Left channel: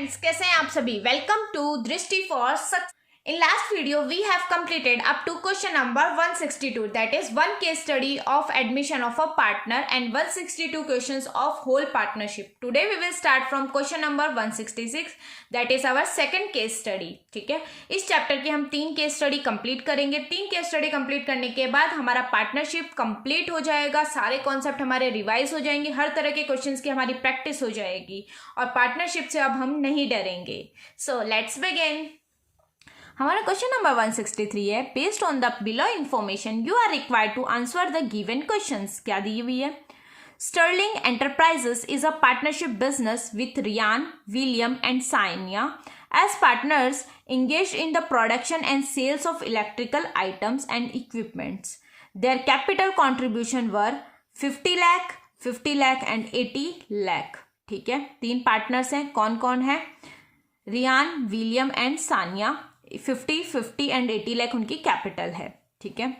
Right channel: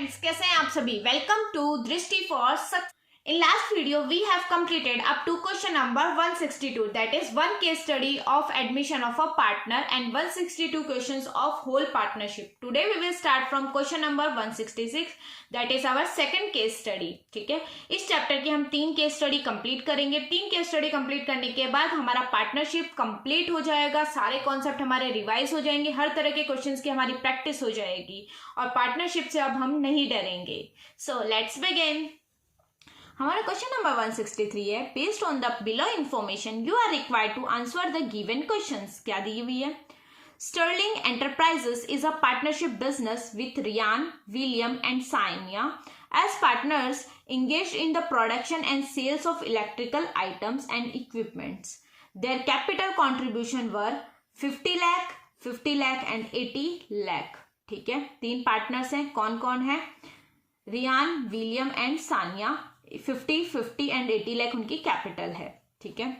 कैसे हैं आप सभी। वेलकम टू दृष्टि for success. In last video we have completed up to question number 162, that is one case study of admission of a partner and 162 questions of whole partnership. Today we will start from question number 166, that is our second case study. ठीक है, इस chapter की हम 3 case study complete करेंगे। 3 case study complete करने के बाद हमारा पार्टनरशिप कंप्लीट हो जाएगा, सारे कॉन्सेप्ट हमारे रिवाइज हो जाएंगे, हर तरह के क्वेश्चंस की हमारी प्रैक्टिस हो जाएगी और पार्टनरशिप से अब हम नहीं डरेंगे। So let's begin. हमारा क्वेश्चन नंबर 163 है, based on the below information you are required to answer the given questions. क्या दी हुई है? Sterling enterprises is a partnership business with Ryan, William and Sania as partners engaged in the production and sales of electrical items and equipments. Their capital contribution were 50 lakh, 50 lakh and 80 lakh. ठीक है, 3 partners हैं। कौन कौन है? Riyan, William and Sania. 50, 50 and 80 lakh उनकी capital है। ठीक है,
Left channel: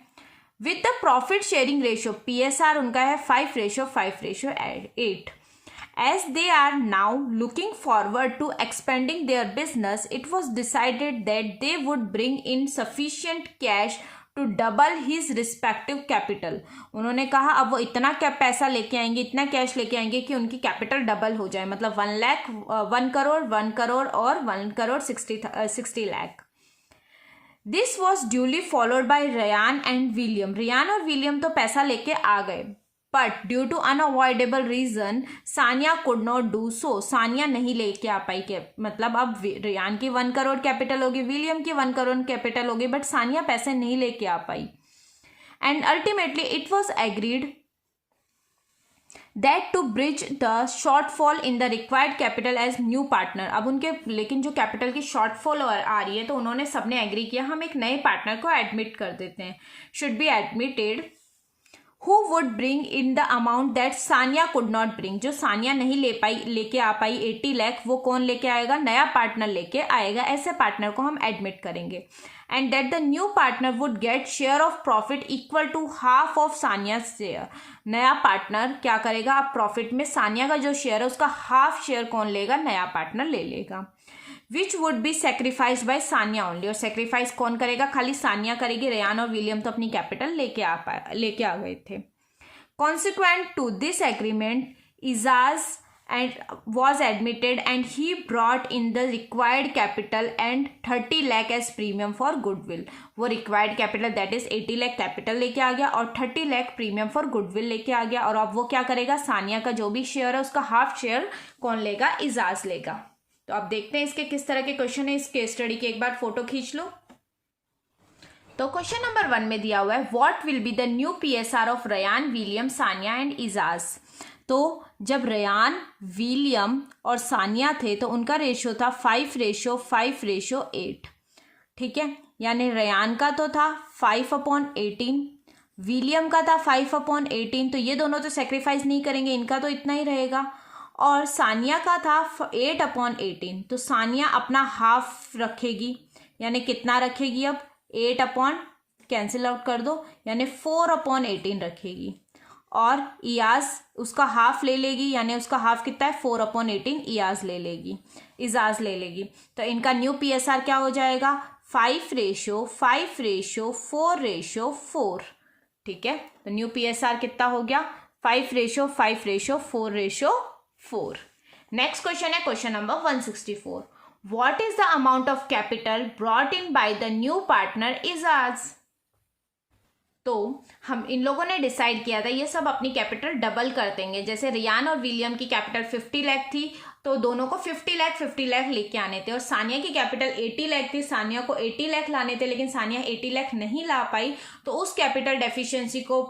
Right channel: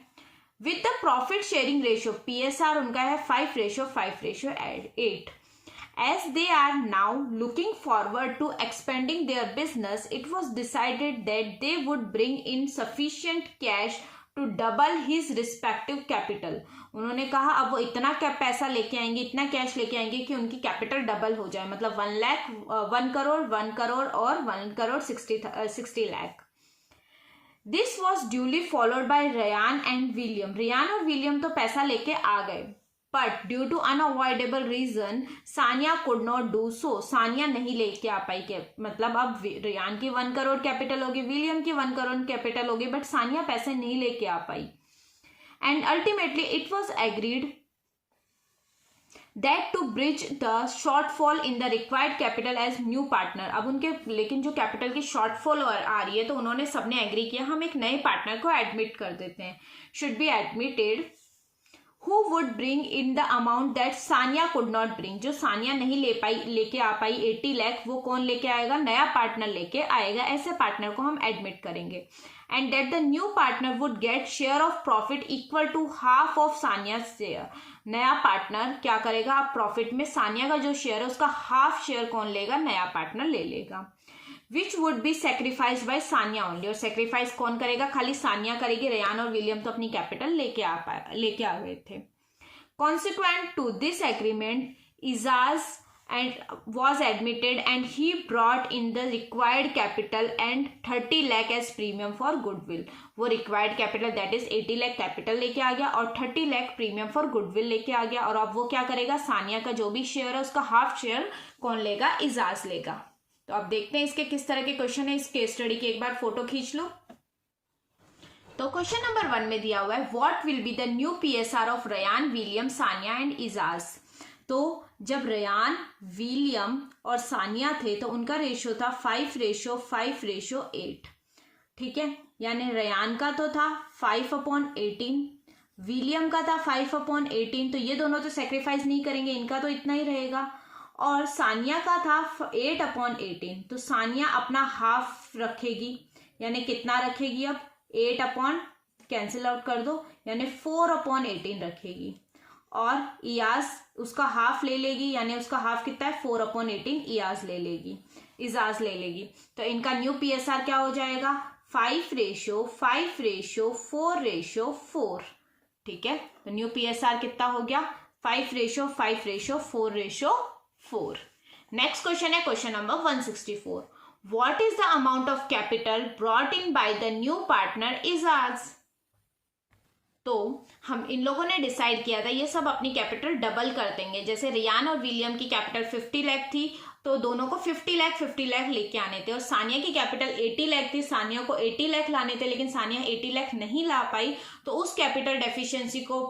with the profit sharing ratio PSR उनका है 5:5:8। As they are now looking forward to expanding their business, it was decided that they would bring in sufficient cash to double his respective capital. उन्होंने कहा अब वो इतना क्या पैसा लेके आएंगे, इतना कैश लेके आएंगे कि उनकी कैपिटल डबल हो जाए, मतलब 1 करोड़ 1 करोड़ और 1 crore 60 lakh. This was duly followed by Riyan and William. Riyan और विलियम तो पैसा लेके आ गए, but due to unavoidable reason Sania could not do so. Sania नहीं लेके आ पाई के, मतलब अब रियान की 1 करोड़ कैपिटल होगी, विलियम की 1 करोड़ कैपिटल होगी, बट सानिया पैसे नहीं लेके आ पाई। And ultimately it was agreed that to bridge the shortfall in the required capital as new partner. अब उनके लेकिन जो कैपिटल की शॉर्टफॉल आ रही है तो उन्होंने सबने एग्री किया हम एक नए पार्टनर को एडमिट कर देते हैं। Should be admitted who would bring in the amount that Sania could not bring. जो सानिया नहीं लेके आ पाई 80 लाख, वो कौन लेके आएगा? नया पार्टनर लेके आएगा। ऐसे पार्टनर को हम एडमिट करेंगे। And that the new partner would get share of profit equal to half of Sania share. नया पार्टनर क्या करेगा? अब प्रॉफिट में सानिया का जो शेयर है उसका हाफ शेयर कौन लेगा? नया पार्टनर ले लेगा। Which would be sacrificed by Sania only. और सेक्रीफाइस कौन करेगा? खाली सानिया करेगी। रियान और विलियम तो अपनी कैपिटल लेके आ गए थे। Consequent to this agreement Ijaz and was admitted and he brought in the required capital and 30 lakh as premium for goodwill. वो required capital that is 80 lakh capital लेके आ गया और 30 lakh premium for goodwill लेके आ गया। और अब वो क्या करेगा? सानिया का जो भी शेयर है उसका हाफ शेयर कौन लेगा? इजाज लेगा। तो अब देखते हैं इसके किस तरह के क्वेश्चन है। इस केस स्टडी की एक बार फोटो खींच लो। तो क्वेश्चन नंबर 1 में दिया हुआ है what will be the new PSR of Riyan, William, Sania and Ijaz. तो जब रियान, विलियम और सानिया थे तो उनका रेशियो था 5:5:8। ठीक है, यानी रियान का तो था 5/18, विलियम का था 5/18, तो ये दोनों तो सेक्रीफाइस नहीं करेंगे, इनका तो इतना ही रहेगा। और सानिया का था 8/18, तो सानिया अपना हाफ रखेगी, यानी कितना रखेगी? अब 8 कैंसिल आउट कर दो, यानी 4/18 रखेगी। और इयाज उसका हाफ ले लेगी, यानी उसका हाफ कितना है? 4/18 इयाज ले लेगी, इजाज ले लेगी। तो इनका न्यू PSR क्या हो जाएगा? 5:5:4:4। ठीक है, तो न्यू PSR कितना हो गया? 5:5:4:4। नेक्स्ट क्वेश्चन है question number 164। What is the amount of capital brought in by the new partner Ijaz. तो हम इन लोगों ने डिसाइड किया था ये सब अपनी कैपिटल डबल कर देंगे। जैसे रियान और विलियम की कैपिटल 50 लाख थी तो दोनों को 50 लाख लेके आने थे, और सानिया की कैपिटल 80 लाख थी, सानिया को 80 लाख लाने थे, लेकिन सानिया 80 लाख नहीं ला पाई। तो उस कैपिटल डेफिशिएंसी को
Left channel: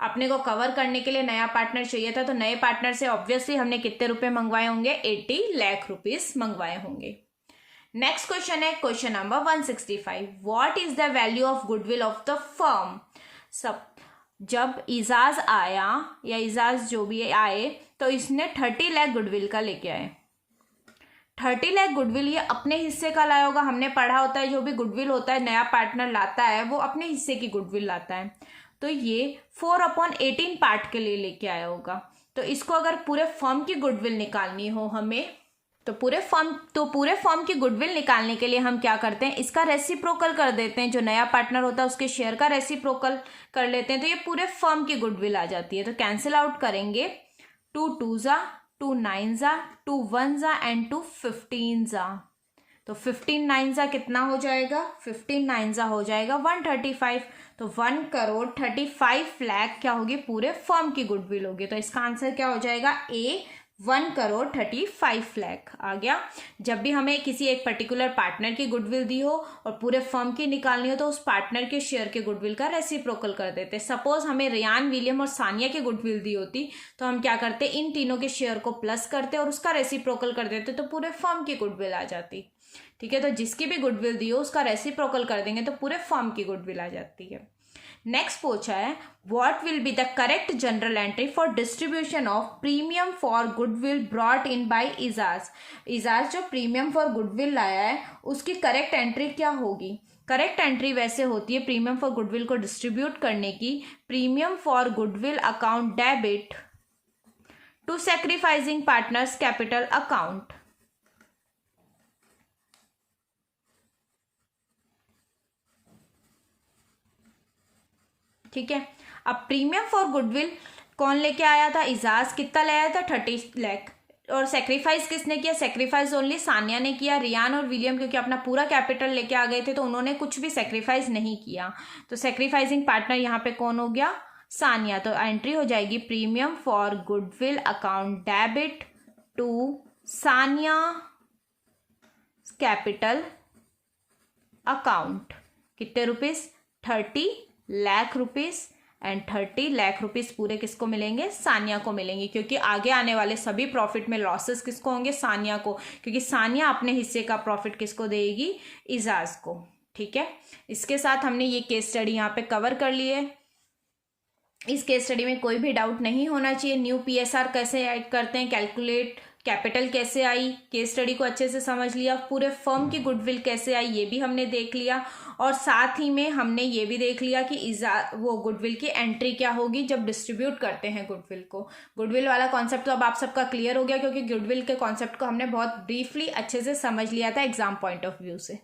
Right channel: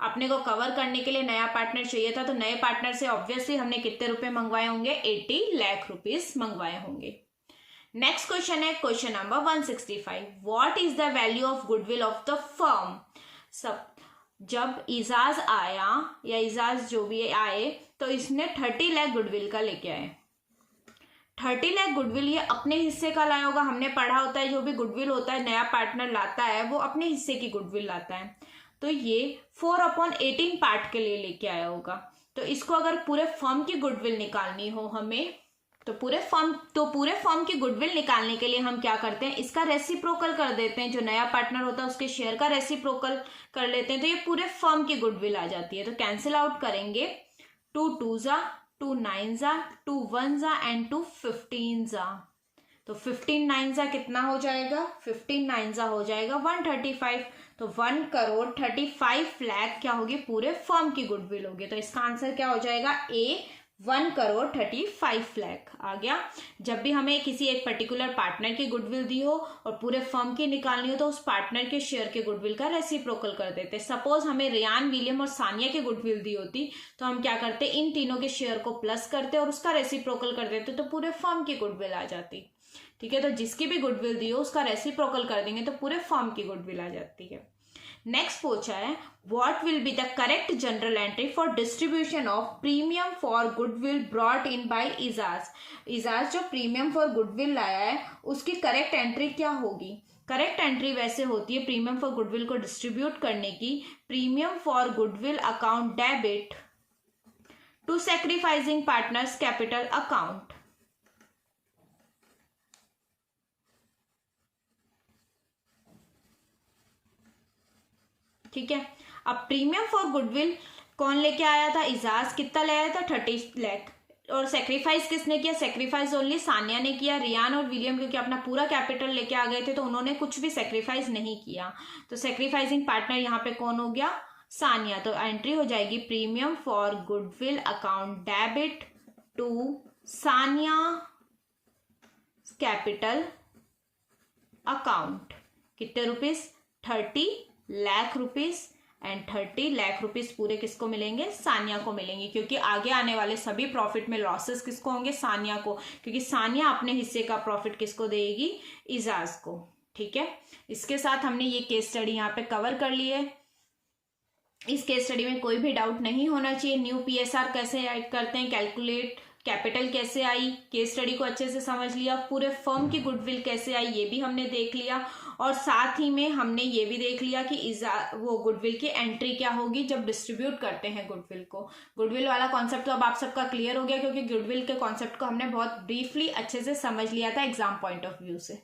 अपने को कवर करने के लिए नया पार्टनर चाहिए था। तो नए पार्टनर से ऑब्वियसली हमने कितने रुपए मंगवाए होंगे? 80 लाख रुपीज मंगवाए होंगे। नेक्स्ट क्वेश्चन है question number 165। What is the value of goodwill of the firm. सब जब इजाज आया या इजाज जो भी आए तो इसने 30 लाख गुडविल का लेके आए। 30 लाख गुडविल ये अपने हिस्से का लाया होगा। हमने पढ़ा होता है जो भी गुडविल होता है नया पार्टनर लाता है वो अपने हिस्से की गुडविल लाता है। तो ये 4/18 पार्ट के लिए लेके आया होगा। तो इसको अगर पूरे फर्म की गुडविल निकालनी हो हमें तो पूरे फर्म की गुडविल निकालने के लिए हम क्या करते हैं, इसका रेसिप्रोकल कर देते हैं। जो नया पार्टनर होता है उसके शेयर का रेसिप्रोकल कर लेते हैं, तो ये पूरे फर्म की गुडविल आ जाती है। तो कैंसिल आउट करेंगे, 2 2 जा, 2 9 जा, 2 1 जा एंड 2 15 जा। तो 15 9 जा कितना हो जाएगा, 15 9 जा हो जाएगा 135। तो 1,35,00,000 क्या होगी, पूरे फर्म की गुडविल होगी। तो इसका आंसर क्या हो जाएगा, ए 1,35,00,000 आ गया। जब भी हमें किसी एक पर्टिकुलर पार्टनर की गुडविल दी हो और पूरे फर्म की निकालनी हो तो उस पार्टनर के शेयर के गुडविल का रेसिप्रोकल कर देते। सपोज हमें रियान, विलियम और सानिया की गुडविल दी होती तो हम क्या करते, इन तीनों के शेयर को प्लस करते और उसका रेसिप्रोकल कर देते, तो पूरे फर्म की गुडविल आ जाती। ठीक है, तो जिसकी भी गुडविल दी हो उसका रेसिप्रोकल कर देंगे तो पूरे फर्म की गुडविल आ जाती है। नेक्स्ट पूछा है, what will be the correct journal entry for distribution of premium for goodwill brought in by Ijaz. Ijaz जो प्रीमियम फॉर गुडविल लाया है उसकी करेक्ट एंट्री क्या होगी। करेक्ट एंट्री वैसे होती है प्रीमियम फॉर गुडविल को डिस्ट्रीब्यूट करने की, premium for goodwill account debit to sacrificing partners capital account. ठीक है, अब प्रीमियम फॉर गुडविल कौन लेके आया था, इजाज। कितना ले आया था, 30 लाख। और सेक्रीफाइस किसने किया, सेक्रीफाइस ओनली सानिया ने किया। रियान और विलियम क्योंकि अपना पूरा कैपिटल लेके आ गए थे तो उन्होंने कुछ भी सेक्रीफाइस नहीं किया। तो सेक्रीफाइसिंग पार्टनर यहाँ पे कौन हो गया, सानिया। तो एंट्री हो जाएगी premium for goodwill account debit to Sania capital account. कितने rupees, 30 lakh rupees and 30 lakh rupees पूरे किसको मिलेंगे, सानिया को मिलेंगे। क्योंकि आगे आने वाले सभी प्रॉफिट में लॉसेस किसको होंगे, सानिया को, क्योंकि सानिया अपने हिस्से का प्रॉफिट किसको देगी, इजाज को। ठीक है, इसके साथ हमने ये केस स्टडी यहाँ पे कवर कर ली है। इस केस स्टडी में कोई भी डाउट नहीं होना चाहिए। न्यू पीएसआर कैसे ऐड करते हैं, कैलकुलेट कैपिटल कैसे आई, केस स्टडी को अच्छे से समझ लिया। पूरे फर्म की गुडविल कैसे आई ये भी हमने देख लिया, और साथ ही में हमने ये भी देख लिया कि वो गुडविल की एंट्री क्या होगी जब डिस्ट्रीब्यूट करते हैं गुडविल को। गुडविल वाला कॉन्सेप्ट तो अब आप सबका क्लियर हो गया, क्योंकि गुडविल के कॉन्सेप्ट को हमने बहुत ब्रीफली अच्छे से समझ लिया था एग्जाम पॉइंट ऑफ व्यू से।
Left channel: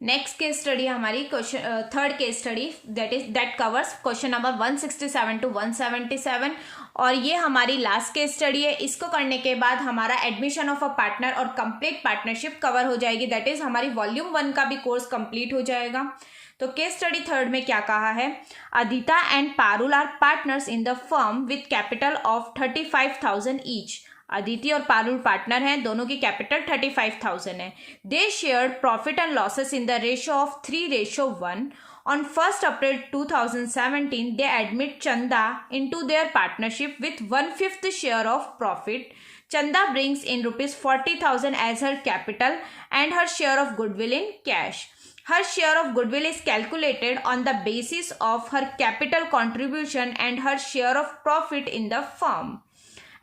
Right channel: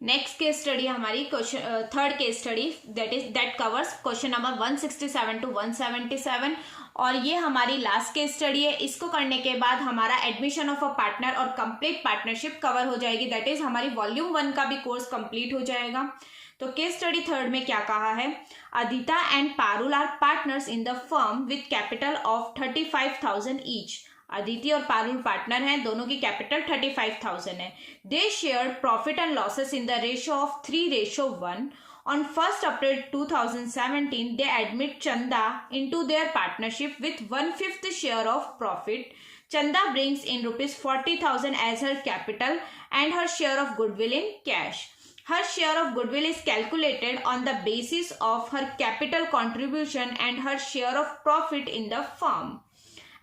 नेक्स्ट केस स्टडी हमारी third case study that covers question number 167 to 177, और ये हमारी लास्ट केस स्टडी है। इसको करने के बाद हमारा एडमिशन ऑफ अ पार्टनर और कंप्लीट पार्टनरशिप कवर हो जाएगी। दैट इज हमारी वॉल्यूम 1 का भी कोर्स कंप्लीट हो जाएगा। तो केस स्टडी थर्ड में क्या कहा है, Adita and Parul are partners in the firm with capital of 35,000 each. Aditi और पारुल पार्टनर हैं, दोनों की कैपिटल 35,000 है। They shared profit and losses in the ratio of 3:1। On 1st April 2017, they admit Chanda into their partnership with 1/5 share of profit. Chanda brings in rupees 40,000 as her capital and her share of goodwill in cash. Her share of goodwill is calculated on the basis of her capital contribution and her share of profit in the firm.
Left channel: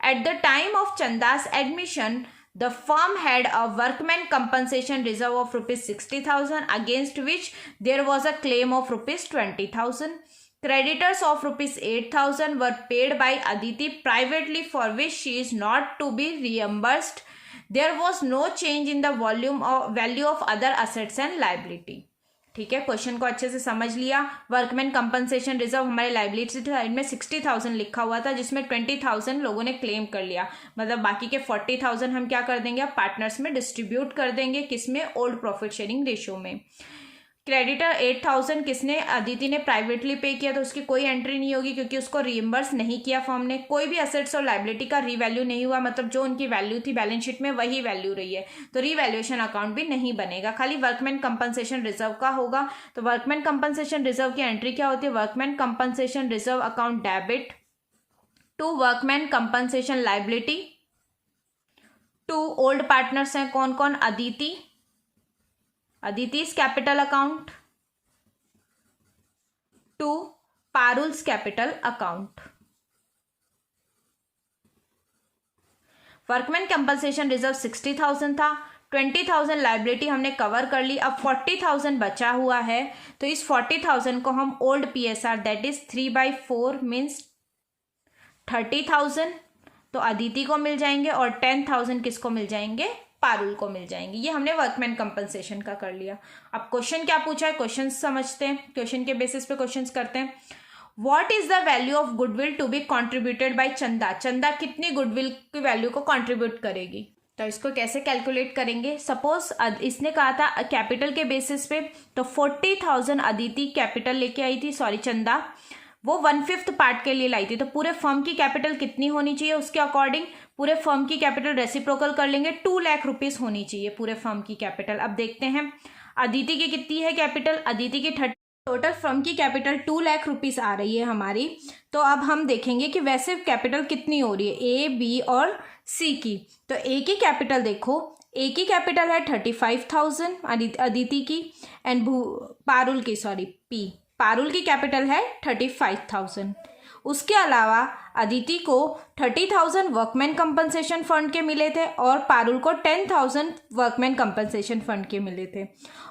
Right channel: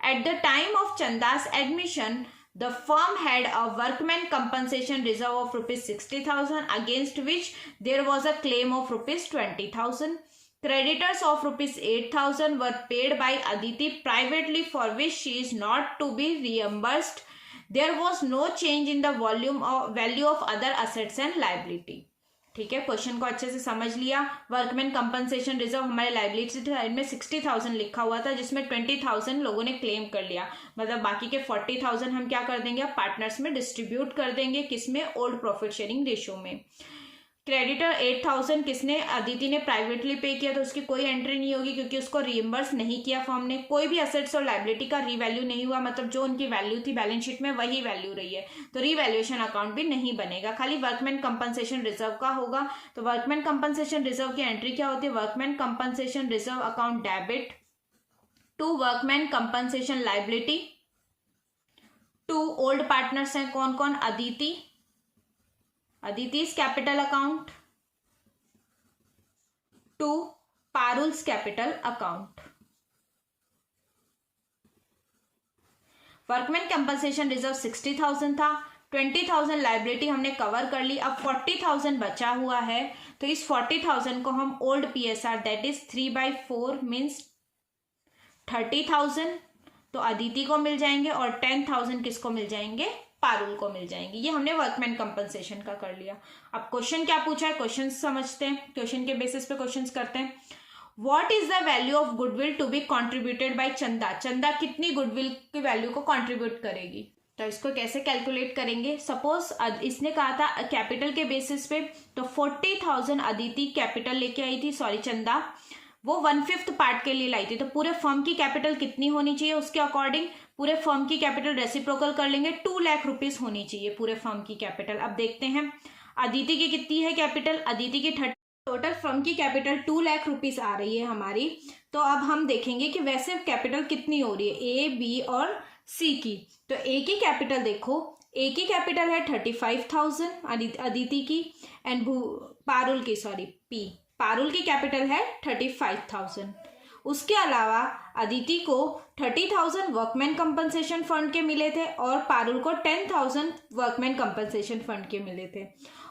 At the time of Chanda's admission, the firm had a workman compensation reserve of rupees 60,000 against which there was a claim of rupees 20,000. Creditors of rupees 8,000 were paid by Aditi privately for which she is not to be reimbursed. There was no change in the value of other assets and liability. ठीक है, question को अच्छे से समझ लिया। Workman compensation reserve हमारे liability side में 60,000 लिखा हुआ था, जिसमें 20,000 लोगों ने क्लेम कर लिया। मतलब बाकी के 40,000 हम क्या कर देंगे, पार्टनर्स में डिस्ट्रीब्यूट कर देंगे। किसमें, ओल्ड प्रॉफिट शेयरिंग रेशियो में। क्रेडिटर 8,000 किसने, अदिति ने प्राइवेटली पे किया, तो उसकी कोई एंट्री नहीं होगी क्योंकि उसको रीइंबर्स नहीं किया फर्म ने। कोई भी एसेट्स और लाइबिलिटी का रीवैल्यू नहीं हुआ, मतलब जो उनकी वैल्यू थी बैलेंस शीट में वही वैल्यू रही है, तो रीवैल्यूएशन अकाउंट भी नहीं बनेगा। खाली वर्कमैन कंपनसेशन रिजर्व का होगा। तो वर्कमैन कंपनसेशन रिजर्व की एंट्री क्या होती है, workman compensation reserve account debit to workman compensation liability to old partners हैं कौन कौन, Aditi's capital account to Parul's capital account. Workman compensation reserve 60,000 था, 20,000 लाइबिलिटी हमने कवर कर ली। अब 40,000 बचा हुआ है, तो इस 40,000 को हम old PSR that is 3/4 means 30,000, तो तो अदिति को मिल जाएंगे और 10,000 किसको मिल जाएंगे, पारुल को मिल जाएंगे। ये हमने वर्कमैन कंपनसेशन का कर लिया। अब क्वेश्चन क्या पूछा है, क्वेश्चन समझते हैं, क्वेश्चन के बेसिस पे क्वेश्चन करते हैं। What is the value of goodwill to be contributed by Chanda, Chanda कितनी गुडविल की वैल्यू को कॉन्ट्रीब्यूट करेगी, तो इसको कैसे कैलकुलेट करेंगे। सपोज इसने कहा था कैपिटल के बेसिस पे, तो 40,000 अदिति कैपिटल लेके आई थी, सॉरी चंदा वो 1/5 पार्ट के लिए लाई थी, तो पूरे फर्म की कैपिटल कितनी होनी चाहिए उसके अकॉर्डिंग, पूरे फर्म की कैपिटल रेसिप्रोकल कर लेंगे, 2 लाख रुपीज होनी चाहिए पूरे फर्म की कैपिटल। अब देखते हैं अदिति की कितनी है कैपिटल, अदिति की टोटल फर्म की कैपिटल 2 लाख रुपीज आ रही है हमारी। तो अब हम देखेंगे कि वैसे कैपिटल कितनी हो रही है ए, बी और सी की। तो ए की कैपिटल देखो, ए की कैपिटल है 35,000 अदिति की, एंड पारुल की, सॉरी पारुल की कैपिटल है 35,000। उसके अलावा अदिति को 30,000 वर्कमैन कंपनसेशन फंड के मिले थे और पारुल को 10,000 वर्कमैन कंपनसेशन फंड के मिले थे,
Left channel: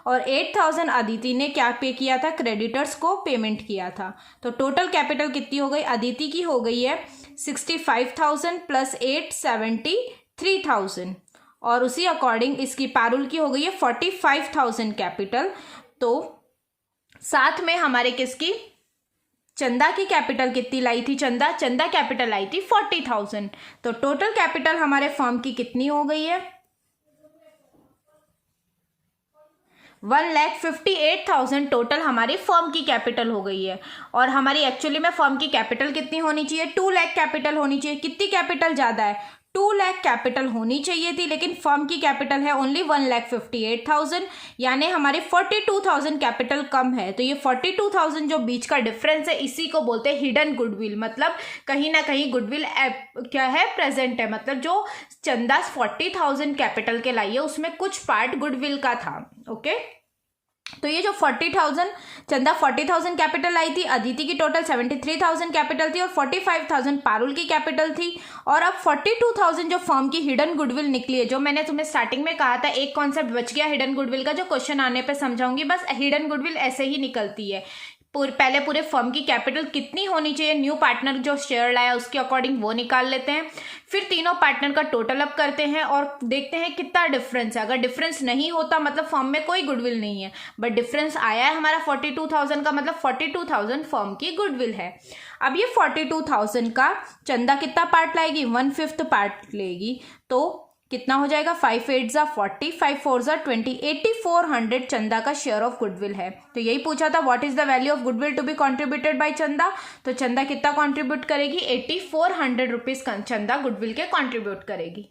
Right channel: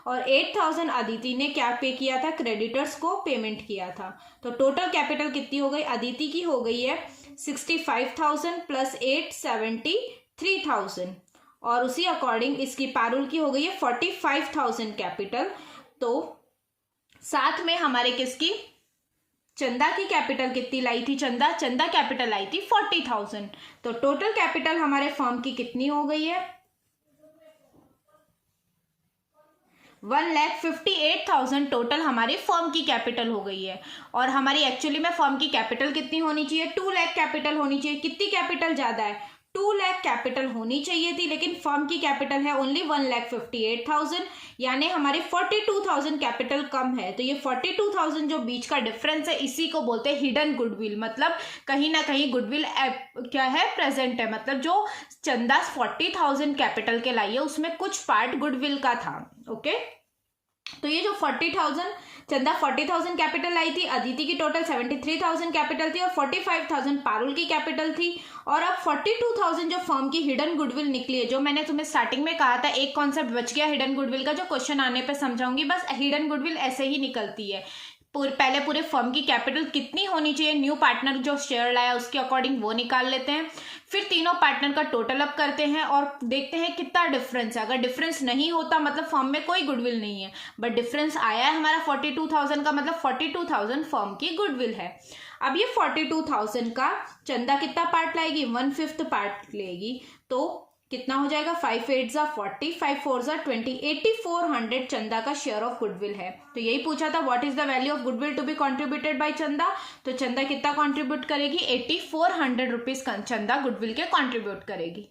और 8,000 अदिति ने क्या पे किया था, क्रेडिटर्स को पेमेंट किया था। तो टोटल कैपिटल कितनी हो गई, अदिति की हो गई है 65,000 प्लस 8 73,000, और उसी अकॉर्डिंग इसकी पारुल की हो गई है 45,000 कैपिटल। तो साथ में हमारे किसकी, चंदा की कैपिटल कितनी लाई थी, चंदा कैपिटल लाई थी 40,000। तो टोटल कैपिटल हमारे फर्म की कितनी हो गई है, 1,58,000 टोटल हमारी फर्म की कैपिटल हो गई है। और हमारी एक्चुअली में फर्म की कैपिटल कितनी होनी चाहिए, 2 लाख कैपिटल होनी चाहिए। कितनी कैपिटल ज्यादा है, 2 लाख कैपिटल होनी चाहिए थी, लेकिन फर्म की कैपिटल है ओनली 1,58,000, यानी हमारी 42,000 कैपिटल कम है। तो ये 42,000 जो बीच का डिफरेंस है, इसी को बोलते हैं हिडन गुडविल, मतलब कहीं ना कहीं गुडविल क्या है, प्रेजेंट है। मतलब जो चंदा 40,000 कैपिटल के लाई है उसमें कुछ पार्ट गुडविल का था। ओके, तो ये जो 40,000 चंदा 40,000 कैपिटल लाई थी, अदिति की टोटल 73,000 कैपिटल थी और 45,000 पारुल की कैपिटल थी। और अब 42,000 जो फर्म की हिडन गुडविल निकली है, जो मैंने तुम्हें स्टार्टिंग में कहा था, एक कॉन्सेप्ट बच गया हिडन गुडविल का, जो क्वेश्चन आने पे समझाऊंगी। बस हिडन गुडविल ऐसे ही निकलती है, पहले पूरे फर्म की कैपिटल कितनी होनी चाहिए, न्यू पार्टनर जो शेयर लाया उसके अकॉर्डिंग वो निकाल लेते हैं, फिर तीनों पार्टनर का टोटल अप करते हैं और देखते हैं कितना डिफरेंस है। अगर डिफरेंस नहीं होता मतलब फर्म में कोई गुडविल नहीं है, बट डिफरेंस आया है हमारा 42,000 का, मतलब 42,000 फर्म की गुडविल है। अब ये 42,000 का चंदा कितना पार्ट लाएगी, 1/5 पार्ट लेगी, तो कितना हो जाएगा, 5 8 जा 40, 5 4 जा 20, 8400 चंदा का शेयर ऑफ गुडविल है। तो यही पूछा था what is the value of goodwill to be contributed by Chanda, तो चंदा कितना कॉन्ट्रीब्यूट करेगी, 8400 रुपीज चंदा गुडविल के कॉन्ट्रीब्यूट करेगी।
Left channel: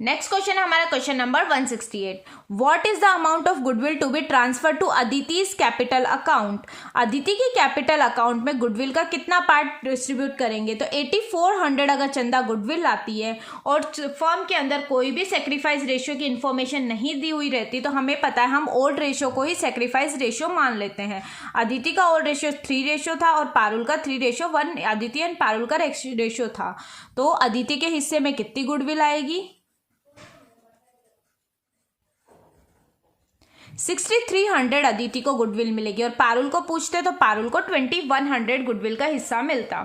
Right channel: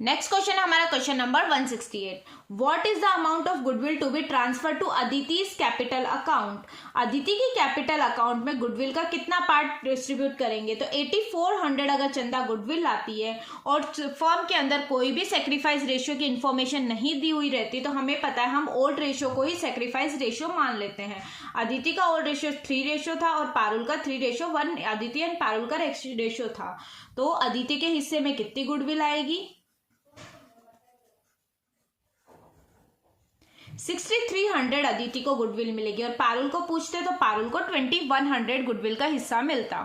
नेक्स्ट क्वेश्चन है हमारा question number 168। What is the amount of goodwill to be transfer to अदिति's कैपिटल अकाउंट, अदिति की कैपिटल अकाउंट में गुडविल का कितना पार्ट डिस्ट्रीब्यूट करेंगे। तो 8400 अगर चंदा गुडविल आती है और फर्म के अंदर कोई भी सेक्रीफाइस रेशियो की इंफॉर्मेशन नहीं दी हुई रहती, तो हमें पता है हम ओल्ड रेशियो को ही सेक्रीफाइस रेशियो मान लेते हैं। अदिति का ओल्ड रेशियो 3 रेशियो था और पारुल का 3:1, अदिति एंड पारुल का रेशियो था। तो अदिति के हिस्से में कितनी गुडविल आएगी, 6300 अदिति को गुडविल मिलेगी, और पारुल को पूछते तो पारुल को 2100 गुडविल का हिस्सा मिलता।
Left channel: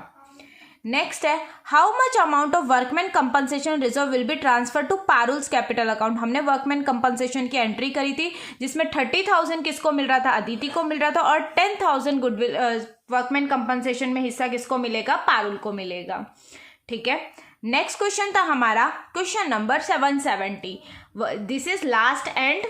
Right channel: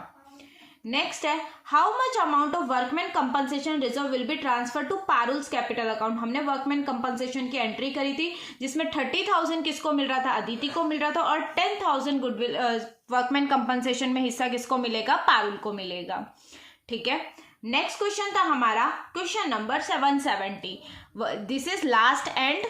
नेक्स्ट है how much amount of workman compensation reserve will be transfer to पारुल्स कैपिटल अकाउंट। हमने वर्कमैन कंपनसेशन की एंट्री करी थी जिसमें 30,000 किसको मिल रहा था, अदिति को मिल रहा था, और 10,000 गुडविल वर्कमैन कंपनसेशन में हिस्सा किसको मिलेगा, पारुल को मिलेगा। ठीक है, नेक्स्ट क्वेश्चन था हमारा question number 770। This is last and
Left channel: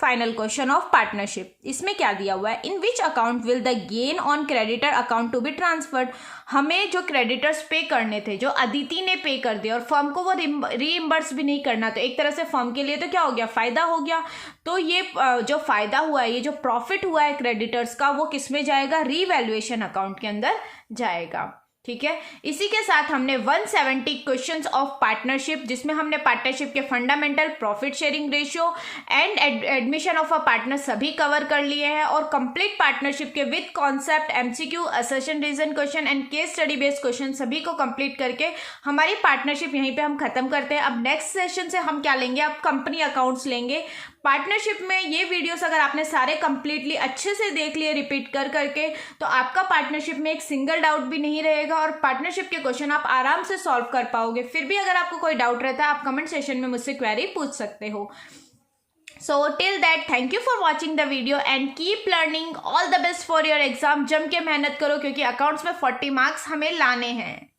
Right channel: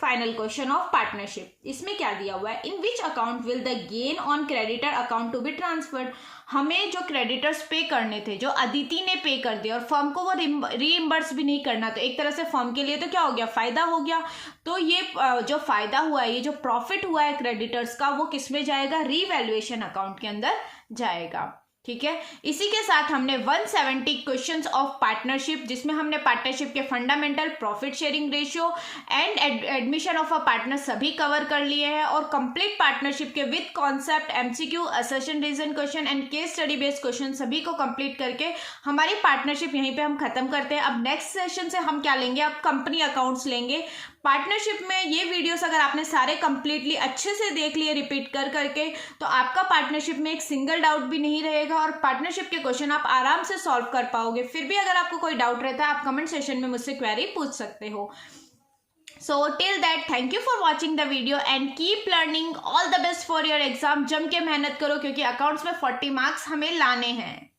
final question of partnership. इसमें क्या दिया हुआ है, in which account will the gain on creditor account to be transferred. हमें जो क्रेडिटर्स पे करने थे, जो अदिति ने पे कर दिया और फर्म को वो रीइंबर्स भी नहीं करना, तो एक तरह से फर्म के लिए तो क्या हो गया, फायदा हो गया। तो ये जो फायदा हुआ है, ये जो प्रॉफिट हुआ है क्रेडिटर्स का, वो किस में जाएगा, रीवैल्यूएशन अकाउंट के अंदर जाएगा। ठीक है, इसी के साथ हमने 170 क्वेश्चंस ऑफ पार्टनरशिप, जिसमें हमने पार्टनरशिप के fundamental, profit sharing ratio and admission of a partner सभी कवर कर लिए हैं, और कंप्लीट पार्टनरशिप के with concept, MCQ, assertion reason question and case study based question सभी को कंप्लीट करके हमारी पार्टनरशिप यहीं पे हम खत्म करते हैं। अब नेक्स्ट सेशन से हम क्या लेंगे, अब कंपनी अकाउंट्स लेंगे। पार्टनरशिप में ये वीडियोस अगर आपने सारे कंप्लीटली अच्छे से देख लिए रिपीट कर करके, तो आपका पार्टनरशिप में एक सिंगल डाउट भी नहीं रहेगा और पार्टनरशिप के क्वेश्चन आप आराम से सॉल्व कर पाओगे। फिर भी अगर आपको कोई डाउट रहता है, आप कमेंट सेशन में मुझसे क्वेरी पूछ सकते हो। So till that, thank you for watching the video and keep learning. All the best for your exam. जम के मेहनत करो क्योंकि अकाउंट्स में 40 मार्क्स हमें लाने हैं।